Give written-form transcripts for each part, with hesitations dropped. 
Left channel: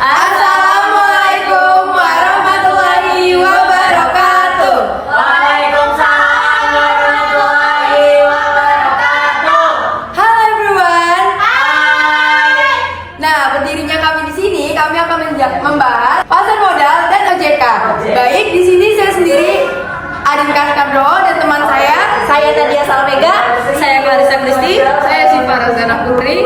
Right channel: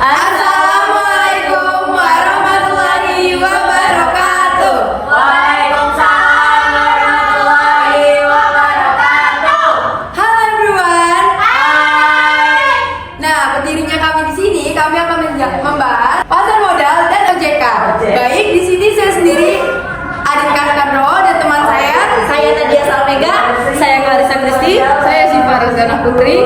Assalamualaikum warahmatullahi wabarakatuh. Waalaikumsalam warahmatullahi wabarakatuh. Halo everyone. Hai. Nah, berdirinya kami di sini, kami akan membahas pasar modal dan OJK. Baik, di sini saya sendiri, Adin Kaskandro dan teman saya Nadia Salmega. Saya Clarissa Kristi. saya Siva Rozana Putri.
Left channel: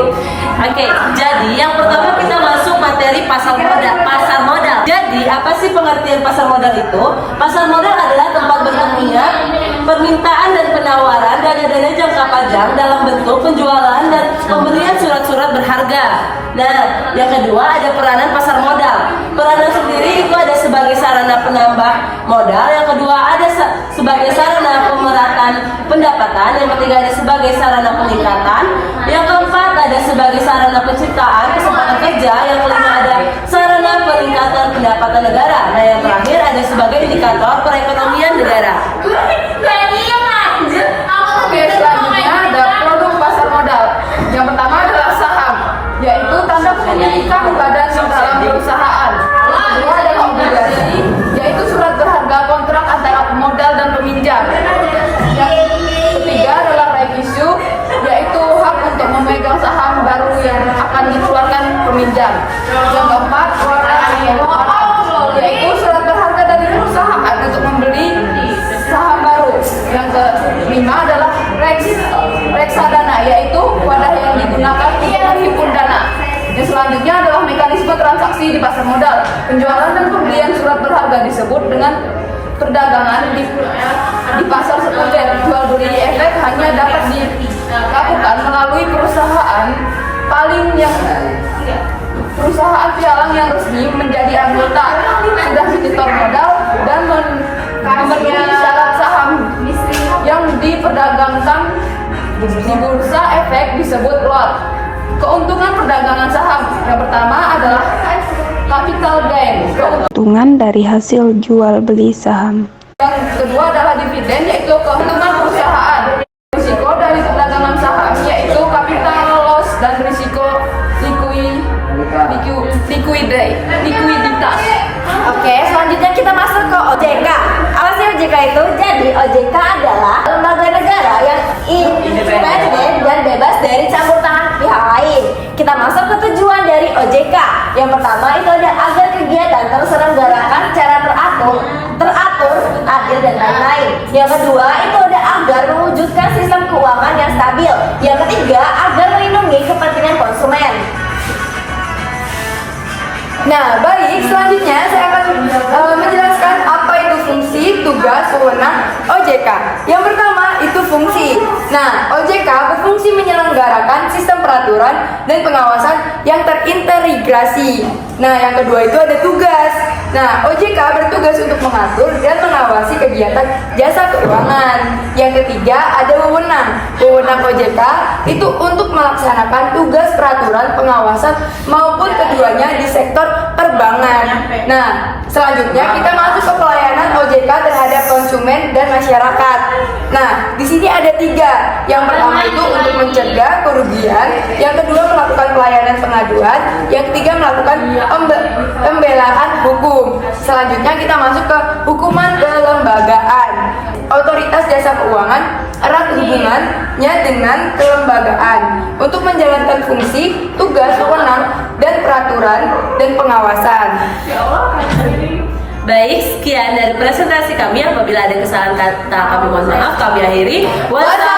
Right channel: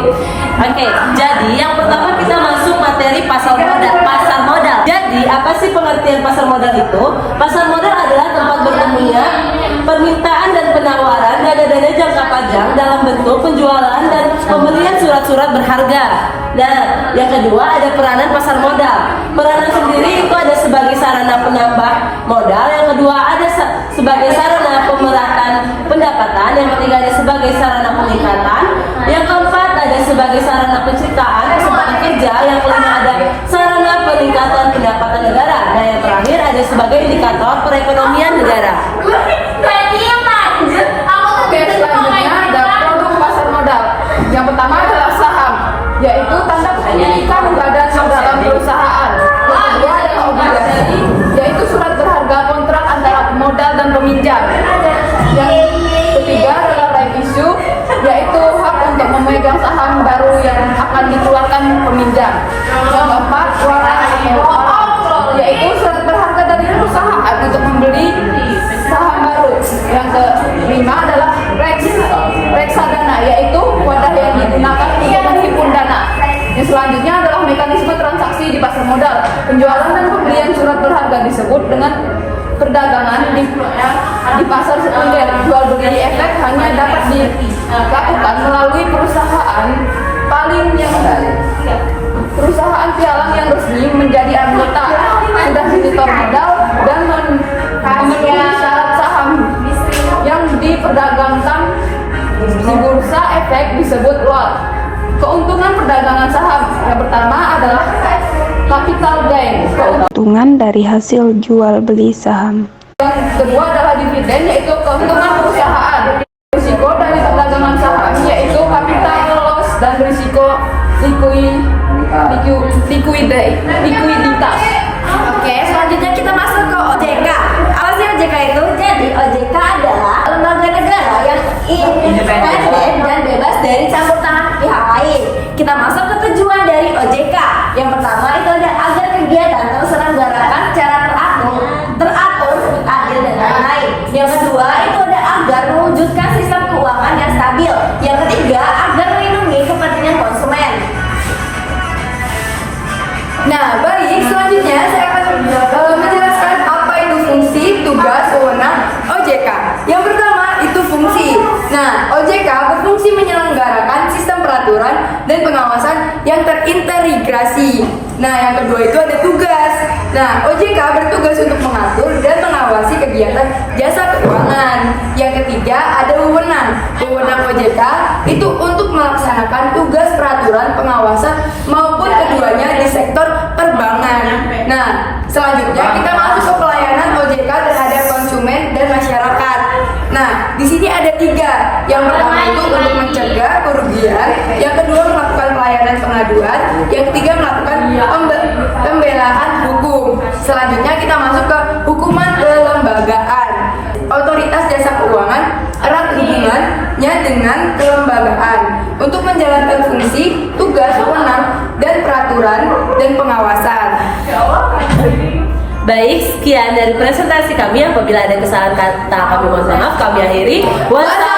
Oke, jadi yang pertama kita masuk materi pasar modal. Pasar modal. Jadi apa sih pengertian pasar modal itu? Pasar modal adalah tempat bertemunya permintaan dan penawaran dana-dana jangka panjang dalam bentuk penjualan dan pembelian surat-surat berharga. Nah, yang kedua ada peranan pasar modal. Peranan sendiri itu ada sebagai sarana penambah modal. Yang kedua ada sebagai sarana pemeratan pendapatan. Yang ketiga ada sebagai sarana peningkatan. Yang keempat ada sebagai sarana penciptaan kesempatan kerja. Yang kelima ada sarana peningkatan pendapatan negara. Nah, yang terakhir ada sebagai indikator perekonomian negara. Oke, selanjutnya ada produk pasar modal. Yang pertama adalah saham, yaitu tanda kepemilikan badan dalam perusahaan. Yang kedua adalah obligasi, yaitu surat berharga kontrak antara pemodal dan peminjam. Yang ketiga adalah right issue, yaitu hak untuk memegang saham baru yang akan dikeluarkan peminjam. Yang keempat, warrant atau warrant, yaitu surat berharga dari perusahaan untuk membeli saham baru. Yang kelima adalah reksadana, yaitu wadah yang digunakan untuk menghimpun dana. Yang selanjutnya adalah mekanisme transaksi di pasar modal. Penjualan dan pembelian surat berharga disebut dengan perdagangan di pasar sekunder. Jual beli efek hanya dapat dilakukan melalui perusahaan pialang yang resmi menjadi anggota, sudah menyetor modal dan memenuhi syarat saham yang diperdagangkan di bursa efek disebut lot. Keuntungan perdagangan saham yang pertama adalah capital gain, keuntungan dari hasil jual beli saham. yang kedua adalah dividen, yaitu keuntungan perusahaan. Risiko dari perdagangan saham yaitu capital loss dan risiko likuiditas. Oke, selanjutnya kita masuk ke OJK. Apa sih OJK itu? Jadi OJK adalah lembaga negara yang independen dan bebas dari campur tangan pihak lain. Kita masuk ke tujuan dari OJK. Yang pertama itu ada agar kegiatan terselenggarakan secara teratur, adil dan lain-lain. Yang kedua itu ada agar mewujudkan sistem keuangan yang stabil. Yang ketiga agar melindungi kepentingan konsumen. Nah, baik, selanjutnya saya akan menjelaskan apa itu fungsi, tugas, wewenang OJK. Yang pertama itu fungsi. Nah, OJK berfungsi menyelenggarakan sistem peraturan dan pengawasan yang terintegrasi. Nah, yang kedua itu ada tugas. Nah, OJK bertugas untuk mengatur dan mengawasi kegiatan jasa keuangan. Yang ketiga ada wewenang. Wewenang OJK itu untuk melaksanakan tugas peraturan pengawasan maupun keduanya di sektor perbankan. Nah, selanjutnya kita masuk ke pelayanan OJK terhadap konsumen dan masyarakat. Nah, di sini ada 3. Yang pertama itu untuk mencegah kerugian, yang kedua melakukan pelayanan pengaduan, yang ketiga melakukan pembelaan hukum. Selanjutnya kita masuk ke hukuman kelembagaan. Otoritas jasa keuangan erat hubungannya dengan kelembagaan untuk menjalankan fungsi, tugas, wewenang, dan peraturan dan pengawasan. Baik, sekian dari presentasi kami. Apabila ada kesalahan kata kami mohon maaf. Kami akhiri. Wassalamualaikum.